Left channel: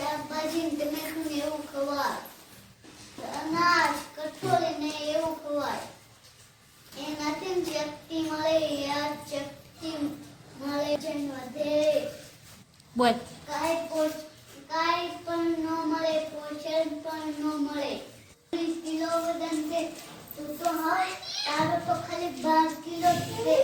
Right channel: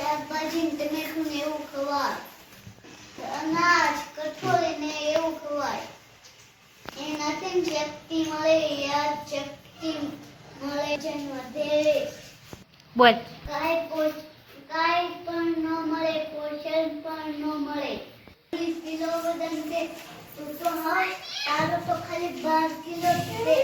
શાકભાજી ટમેટું ને એવું ખવાય? અનાજ કઠોળી ને એવું ખવાય. એનાથી શક્તિ મળે યાદ શક્તિ મળે છે વધે બોલ. કાંઈ પોષ કાંઈ પણ ન મળે પોષણ પણ ન મળે. વીસ કિલો વજન છે. તું તો હા તારો તો ખાલી બાર કિલો છે.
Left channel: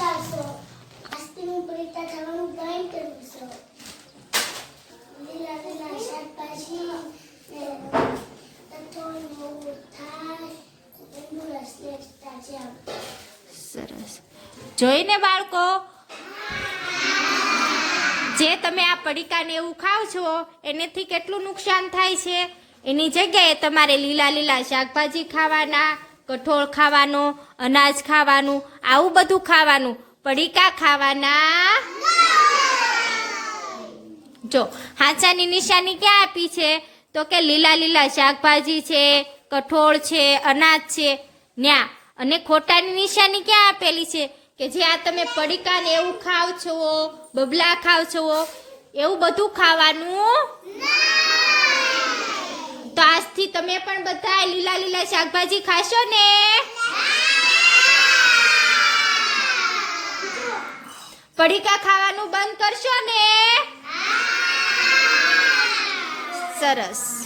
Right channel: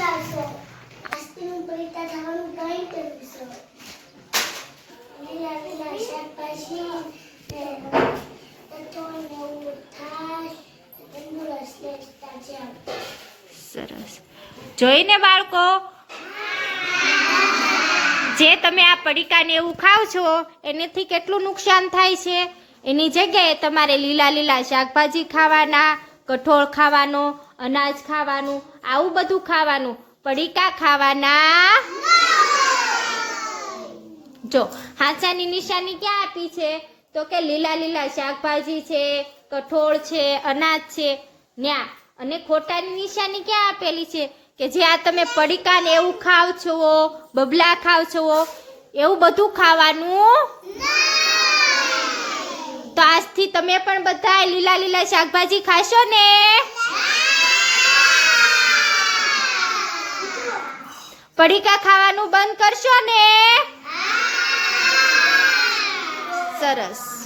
આજથી હું પરિતા થવાનું ટ્રાય કરું છું લીલા લીલા શાકભાજી, ને કઠોળ ને એવું થાય. તંદુરસ્ત જેમ સરસ. જોઈને બાળકો, જે તમે આ પડીકાને એવું ખાવ છો, એનેથી કેટલું નુકસાન થાય છે? એની જગ્યાએ તમારે લીલા લીલા શાકભાજી ખાવાના, કઠોળ ખાવાનો અનાજ ખાવાનું, આવું બધું ખાવાનું. પડીકા ખાવાના. જો હાચાની નિશાની ક્યાં આપી છે? તો કે લીલા લીલા શાકભાજી છે, કઠોળ છે, અનાજ છે. ન્યા, અને ખોટાની નિશાની ક્યાં આપેલી છે? કે જે આ તમે પડીકા ને એવું ખાવ છો, બબલા ખાવ છો, એવું બધું ખાવાનું? તો આજથી તમે પણ બધા લીલા લીલા શાકભાજી ખાશો ને? પડીકા ખાવાનું બંધ કરશો ને? સરસ.